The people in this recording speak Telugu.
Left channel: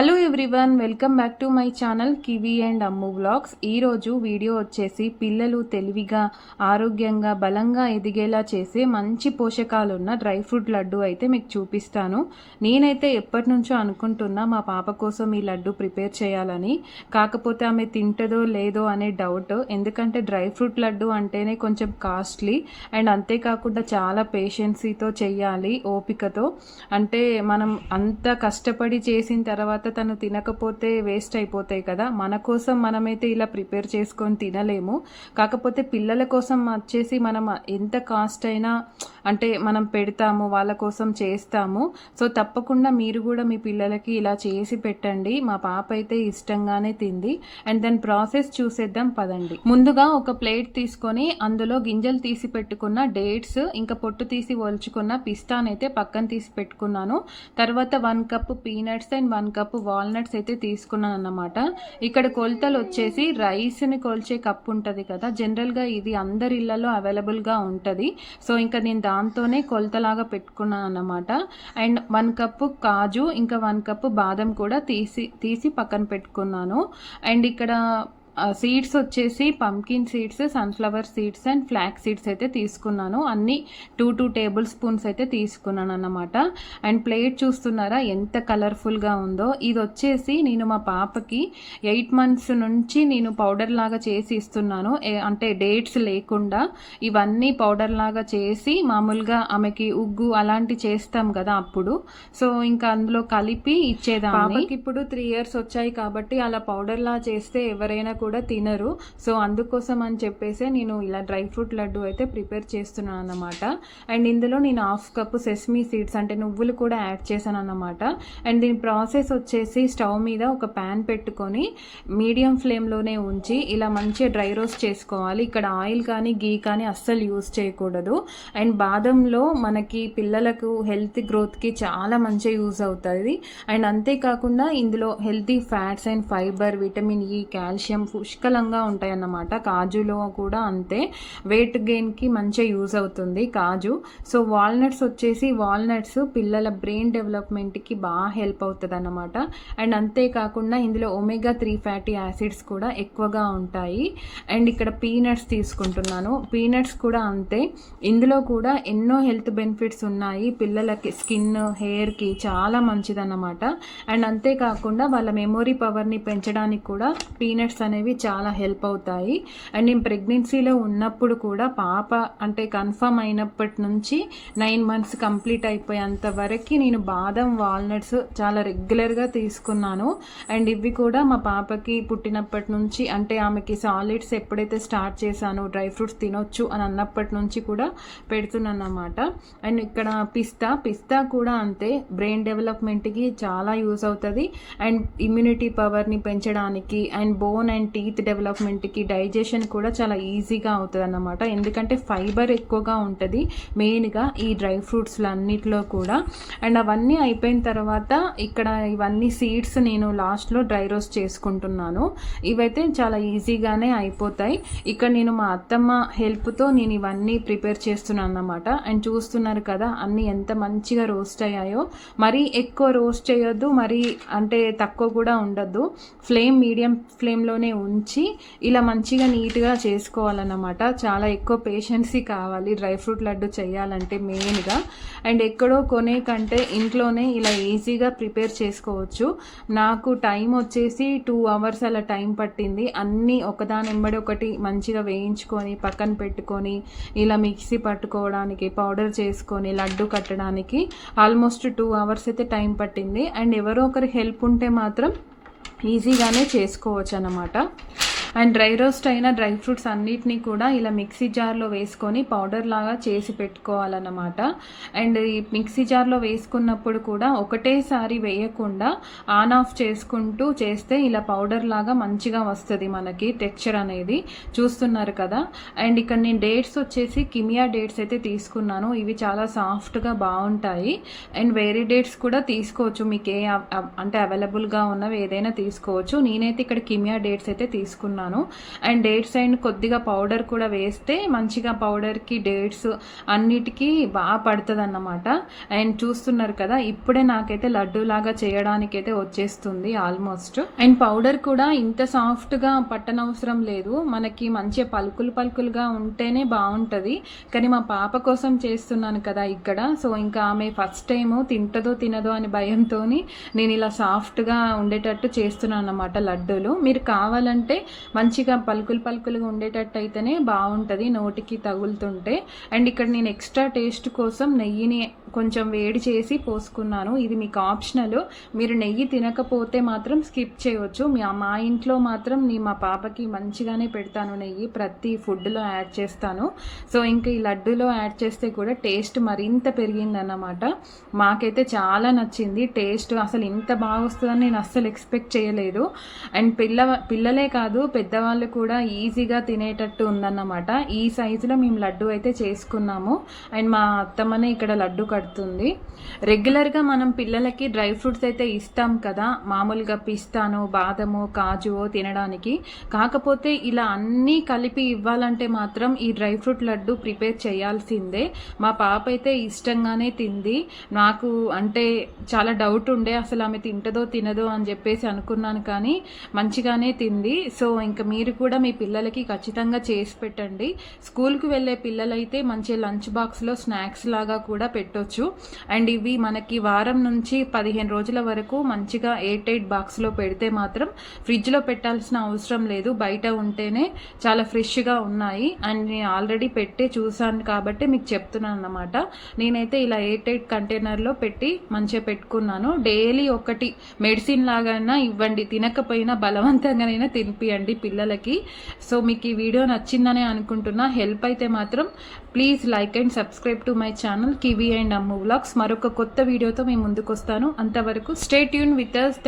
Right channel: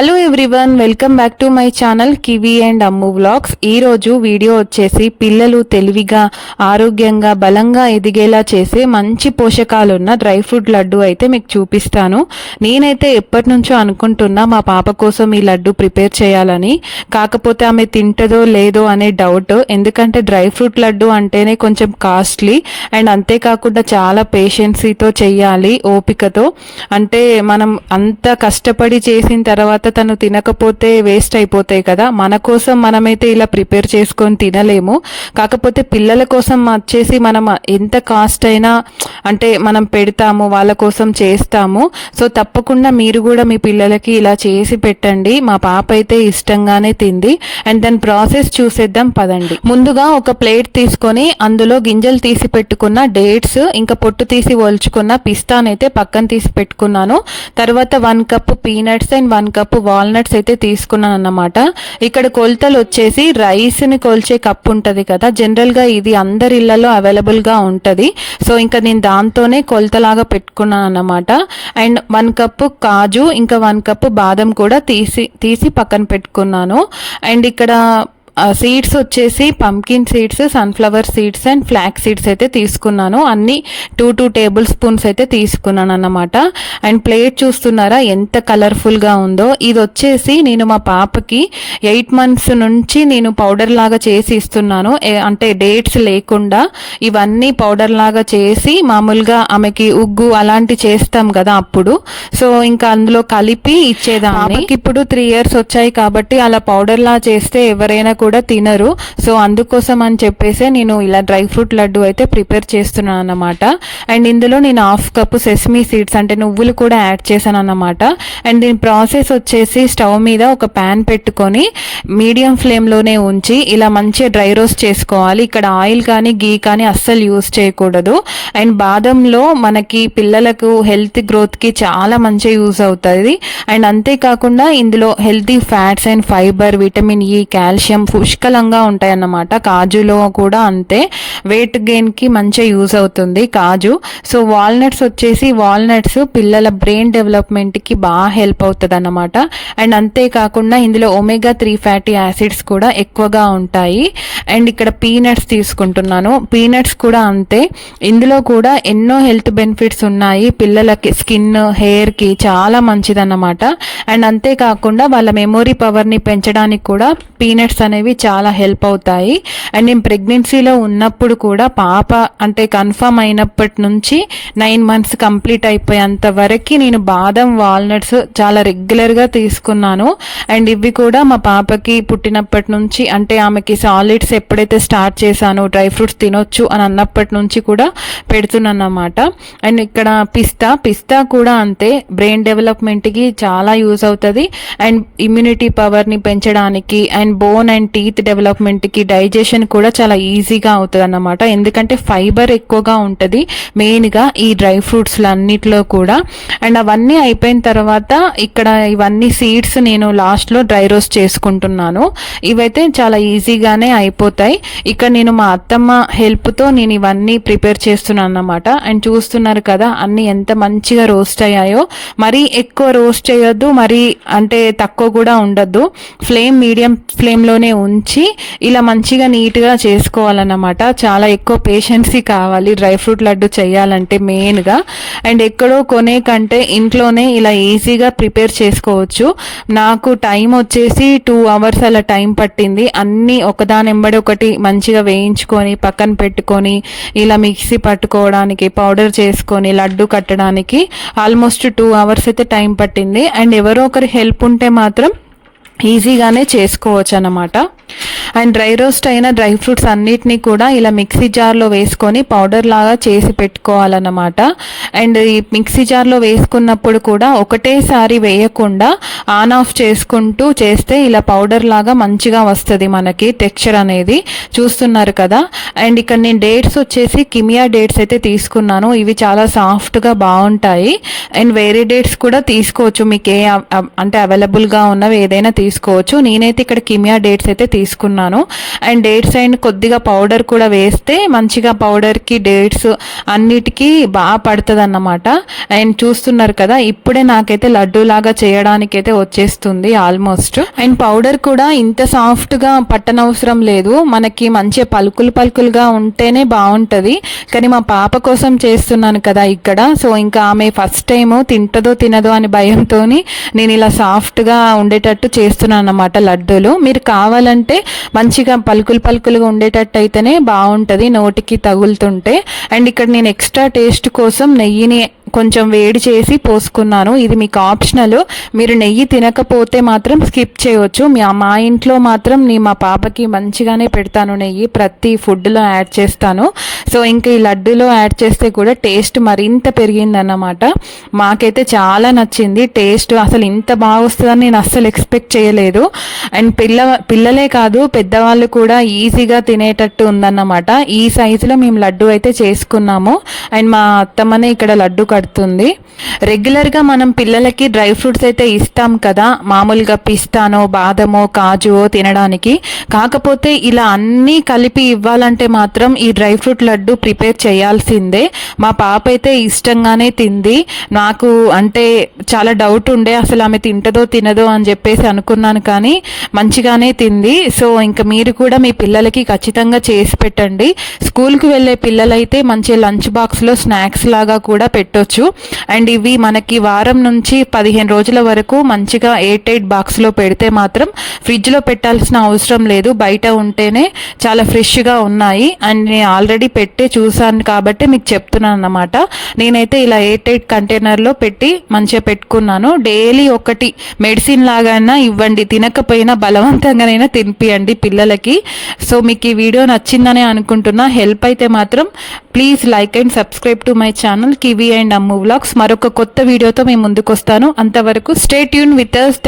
Hello everyone, welcome back to my channel kiwi and Ammu vlogs. ఈరోజు వీడియో వచ్చేసి పిల్లలు తెలివిగా, ఆరోగ్యంగా, బలంగా ఎదిగేలా చేసే మంచి పోషకాలున్న డ్రై ఫ్రూట్ లడ్డు అయితే మీకు చూపిస్తాను. నేనైతే ఎప్పటి నుంచో అనుకుంటున్నా మా పాప కోసం ఈ లడ్డు ప్రిపేర్ చేయాలని. కాకపోతే ఆమె తింటదో లేదో అనే డౌట్. ఎందుకంటే డ్రై ఫ్రూట్ లడ్డు అంటేనే కొంచెం కాస్ట్లీ అండ్ అంతేకాకుండా చాలా పేషెన్సీతో చెయ్యాలి, ఓపికతో. అంటే మనం అంత కష్టపడి చేసిన తర్వాత తను తినకపోతే వేస్ట్ అయిపోతాయి కదా. మన కోసం మనమైతే ఇలా ప్రిపేర్ చేసుకొని తినలేము. కాకపోతే పిల్లల కోసం వచ్చేసి మనం ఎంత కాస్ట్ అయినా అంటే మనం పెడతాము, వాళ్ళ కోసం చేస్తాము. సో తప్పకుండా మీరు కూడా మీ పిల్లలకి ఇలా చేసి పెట్టండి. మా పాప అయితే ఇష్టంగానే తింది. అండ్ దాని ప్రాసెస్ చూసేద్దాం పదండి. ముందుగా ఒక ప్లేట్ తీసుకొని అందులో గింజలు తీసి పెట్టుకున్న డేట్స్, ఇంకా పొట్టు తీసి ఒలుచుకున్న పిస్తానైతే పక్కన తీసి పెట్టుకున్నాను. తర్వాత 1 cup peanuts and 1 cup walnuts అయితే తీసుకున్నాను అన్నమాట. ఇక్కడ కొలతలు వచ్చేసి రైస్ ని కొల్చే కప్ ఉంటది కదా, జనరల్ గా ఇది అందరి ఇళ్లలో అవైలబుల్ గా ఉంటది. సో ఇంకా నేను దాంతోనే కొలతలాగా పెట్టుకున్నాను అన్నమాట. అండ్ 1 కప్ కాజు, ఇంకా 1 కప్ బాదం కూడా తీసి పక్కన పెట్టుకున్నాను. అండ్ ఇక్కడ సీడ్స్ వచ్చేసి pumpkin seeds, sunflower seeds and flax seeds అయితే తీసుకున్నాను. అన్ని 2 టేబుల్ స్పూన్స్ అయితే తీసుకున్నాను అన్నమాట. అండ్ ప్లేట్ చూస్తున్నారా ఎంత కలర్ఫుల్గా ఉందో. ఇది వచ్చేసి నేను మా పాపకి 8 months నుంచి నేను పౌడర్ లాగా చేసి ఇస్తున్నాను. అంటే డేట్స్ లేకుండా ఇవన్నీ పౌడర్ లాగా చేసి, మామూలుగా ఆమెకి ఉగ్గు అలాంటి చేస్తాం కదా అప్పుడు, సో ఇంకా అందులో కలిపి ఇచ్చేదాన్ని. ఇప్పుడు 3 years వచ్చాయి కాబట్టి అలా పౌడర్ లా చేస్తే ఎవరైనా కూడా తినరు. సో అందుకోసం అని చెప్పేసి నేను ఇలా డ్రై ఫ్రూట్ లడ్డు అయితే ప్రిపేర్ చేస్తున్నాను అన్నమాట. అండ్ ఇందులో నేను 1/2 కప్ సెసమీ సీడ్స్ అంటే నువ్వులు కూడా యాడ్ చేశాను అన్నమాట. అండ్ దీని ప్రాసెస్ వచ్చేసి స్టవ్ మీద ఒక ప్యాన్ పెట్టుకొని మీడియం ఫ్లేమ్లోనే ఉంచి ఇలా మంచిగా డ్రై రోస్ట్ చేసుకోవాలి. ఇక్కడ ఆయిల్ కానీ గీ కానీ అస్సలు యూస్ చేయకూడదు. అండ్ బాదంలో మనకి పిల్లలకు హెల్త్ గ్రోత్కి చాలా మంచిగా యూస్ అవుతుంది. అండ్ అంతేకాకుండా ఇందులో healthy fats and fibre, vitamin E, calcium పుష్కలంగా ఉంటాయి అన్నమాట. కాజులో కూడా అంతే, వెయిట్ గెయిన్కి మంచిగా యూజ్ అవుతుంది కాజు. సో వాల్నట్స్ వచ్చేసి వాల్నట్స్ పిల్లల బ్రెయిన్ డెవలప్మెంట్కి బాగా హెల్ప్ అవుతుంది అన్నమాట. అండ్ అంతేకాకుండా ఇందులో ఒమేగా 3 ఫ్యాటీ యాసిడ్స్ కూడా ఎక్కువగా ఉంటాయి. అండ్ ఇక్కడ పీనట్స్ తీసుకుంటున్నాను. పీనట్స్ కూడా అంతే, ఇందులో కూడా ఎన్నో హెల్త్ బెనిఫిట్స్ ఉన్నాయి. పిల్లలకి స్కిన్, హెయిర్కి చాలా మంచిదన్నమాట. అండ్ అంతేకాకుండా వాళ్ళ మెమొరీ పవర్ని పెంచడానికి కూడా పీనట్స్ అనేవి చాలా హెల్ప్ అవుతాయి. అండ్ నేను ప్రెగ్నెన్సీలో ఉన్నప్పుడు కూడా పాప అంటే కన్ఫర్మ్ అయినప్పటి నుంచి 9 months కంప్లీట్ అయిపోయేంత వరకు నేను బాదం, వాల్నట్స్ చాలా రెగ్యులర్గా తీసుకున్నాను. అండ్ ఇవి కూడా మా పాపకి పుట్టినప్పటి నుంచి, అంటే ఆమెకి సాలిడ్స్ ఎప్పుడైతే స్టార్ట్ చేశానో డ్రై ఫ్రూట్స్ తినొచ్చు అని అన్నప్పటి నుంచి కూడా పెడుతున్నాను అన్నమాట. అండ్ ఇక్కడ పిస్తా కూడా అంతే, బ్రెయిన్ డెవలప్మెంట్కి చాలా యూజ్ అవుతుంది. అండ్ ఇమ్యూనిటీ పవర్ని పెంచడానికి, అండ్ బోన్ అండ్ టీత్ డెవలప్మెంట్కి, డైజెషన్ కూడా చాలా ఈజీగా అవుతుంది అన్నమాట. ఎందుకంటే ఫైబర్ ఎక్కువగా ఉంటుంది మెయిన్గా ఈ డ్రై ఫ్రూట్స్ అన్నిట్లో కూడా. అండ్ అవన్నీ అయిపోయిన తర్వాత ఇక్కడ ఇవన్నీ సీడ్స్ నేను లాస్ట్లో డ్రై రోస్ట్ చేసుకుంటున్నాను. ఇవైతే చాలా ఈజీగానే అయిపోతాయి. ఇక్కడ నేను మా అత్తమ్మ హెల్ప్తో నేను ఇవన్నీ ప్రిపేర్ చేస్తున్నాను అన్నమాట. అండ్ చూస్తున్నారు కదా అన్నీ ఎంత మంచిగా రోస్ట్ అయ్యాయో. మరీ ఎక్కువ రోస్ట్ చేయొద్దు, మరీ అంటే తక్కువ కూడా ఉండొద్దు. మీడియం ఫ్లేమ్లోనే ఉంచి ఇలా మంచిగా నీట్గా చేసుకోవాలన్నమాట. చాలా ఎక్కువ పేషెన్సీ కావాలి డ్రై ఫ్రూట్ లడ్డు చేయాలంటే మెయిన్గా. అండ్ ఎక్కడో కొనే కంటే ఇంట్లోనే ఇలా ఈజీగా ప్రిపేర్ చేసుకోవచ్చు. నాకు టైం వచ్చేసి 2 hours అలా టైం పట్టింది. అన్నీ ఒకదానెంబడి ఒకటి మంచిగా వేయించుకొని పక్కన పెట్టుకొని ఇలా మిక్సీ పట్టుకోవడానికి, పౌడర్ చేసుకొని లడ్డు కట్టడానికి ఆల్మోస్ట్ 2 hours అయితే టైం పట్టింది. అండ్ ఎవరో ఒకరి హెల్ప్ ఉంటే మాత్రం ఈజీగానే చేసుకోవచ్చు అన్నమాట. అండ్ డ్రై రోస్ట్ అయిన డ్రై ఫ్రూట్స్ అన్నిటినీ కూడా ఇలా మిక్సీ జార్లో వేసుకొని పౌడర్ లాగా చేసి పెట్టుకోవాలన్నమాట. అండ్ ఈ మిక్సీ జార్లో వేసుకున్నప్పుడు కూడా ఒకటేసారి వేయకుండా ఆన్ ఆఫ్ చేసుకుంటూ చేస్తే ఇలా పౌడర్ లాగా మంచిగా వస్తుంది మనకి టెక్స్చర్ అనేది. చూస్తున్నారు కదా. అండ్ ఇక్కడ నేను డేట్స్ వచ్చేసి కిమియా డేట్స్ అయితే తీసుకున్నాను. ఇవి చాలా సాఫ్ట్గా బాగుంటాయి. అండ్ వేరే డేట్స్ కూడా తీసుకోవచ్చు, మీకు అంటే అవైలబుల్గా ఉన్నవి ఏదైనా తీసుకోవచ్చు. నేనైతే ఇక్కడ కిమియా డేట్స్ అయితే తీసుకున్నాను. అండ్ డేట్స్ అండ్ కొద్దిగా పౌడర్ కూడా వేస్తే మంచిగా పౌడర్కి డేట్స్ అన్నిటికీ బాగా పడుతుంది అన్నమాట. అండ్ చూస్తున్నారు కదా, ఇప్పుడే నాకైతే లడ్డు లాగా చేయడానికి అయితే వచ్చేస్తుంది ఆల్మోస్ట్. అండ్ పౌడర్ కూడా ఇంత సాఫ్ట్గా పట్టనవసరం లేదు, మనకి మంచిగా పలుకులుగా ఉంటేనే బాగుంటుంది. కానీ మా పాప కోసం చేస్తున్నాను కదా ఇక్కడ, సో ఇంకా ఆమె ఫస్ట్ టైం తింటదో తినదో అని భయంతో నేను ఇలా సాఫ్ట్గా ఉండేటట్టు చేస్తున్నాను అన్నమాట లడ్డూలు. మీరు కావాలంటే మంచిగా పలుకులుగా ఉండేటట్టు అయితేనే బాగుంటుంది నోటికి తగులుతుంటే. అండ్ ఇక్కడ నేను ఎక్స్ట్రా టేస్ట్ కోసం నెయ్యిని కొంచెం వేడి చేసి పోసుకున్నాను. ఇది మీకు ఆప్షనల్, మీరు నెయ్యి తినకపోతే మాత్రం స్కిప్ చేయవచ్చు. మా ఇంట్లో మాత్రం మా పాపకి మంచిగానే పెడతాను, నెయ్యి ప్రతి ఫుడ్లో యాడ్ చేస్తాను. సో ఇంకా ఈ లడ్డూలో యాడ్ చేస్తే కూడా టేస్ట్ మరింత పెరిగిందన్నమాట. మాకైతే చాలా నచ్చింది టేస్ట్, అసలు ఇంత బాగా వస్తుందని నేను అస్సలు ఎక్స్పెక్ట్ చేయలేదు. అండ్ పిల్లలే కాదు పెద్దవాళ్ళు కూడా ఈజీగా తినేటట్టు ఉందన్నమాట. ఈ సైజులో మేము లడ్డు అయితే చేసుకున్నాము. అండ్ మా అత్తమ్మనే ఇక్కడ లడ్డు కడుతుంది. రెగ్యులర్గా మనం పిల్లలకి డ్రై ఫ్రూట్స్ అయితే ఇస్తాం కదా, మామూలుగా పిస్తానో బాదమో కాజువో తినడానికి. కాకపోతే ఇలా అన్నీ కలిపి ఇవ్వాలంటే మాత్రం ఈ డ్రై ఫ్రూట్ లడ్డు ప్రిపేర్ చేయాల్సిందే. మా పాప అయితే ఇష్టంగానే తింది. నాకు అంటే చాలా డౌట్ ఉండే అసలు ఆమె తింటదో తినదో అని చెప్పేసి అనుకున్నాను, కానీ మంచిగానే తింది. సో ఇంకా మీరు కూడా మీ పిల్లలకి ఖచ్చితంగా చేసి పెట్టండి. స్కూల్కి వెళ్ళే పిల్లలైతే మంచి లంచ్ బాక్స్లో స్నాక్స్ లాగా కూడా పెట్టొచ్చు. అండ్ ఇవి మనకి వారం నుంచి 15 రోజుల వరకు మంచిగా ఎయిర్ టైట్ బాక్స్లో పెడితే మాత్రం ఫ్రిడ్జ్లో పెట్టాల్సిన అవసరం లేదు, బయట ఉంటేనే చాలా ఫ్రెష్గా ఉన్నాయి. అండ్ నేను ఆల్రెడీ పెట్టి చూసాను కాబట్టి మీకు చెప్తున్నాను అన్నమాట. నేనైతే ఇలా ఎయిర్ టైట్ కంటైనర్లో పెట్టి మంచిగా పెట్టుకున్నాను. డైలీ ఒకటి మెడిసిన్ లాగానే ఇవ్వండి, తినకపోయినా బలవంతంగానైనా తినిపియండి పిల్లలకి. సో మీకు ఈ వీడియో నచ్చిందనే అనుకుంటున్నా. హెల్ప్ అయితే మాత్రం please like and subscribe to my channel kiwi and Ammu vlogs. మరొక కొత్త వీడియోతో మేము ముందుకు వస్తాను. అంతవరకు స్టే ట్యూన్ విత్ us.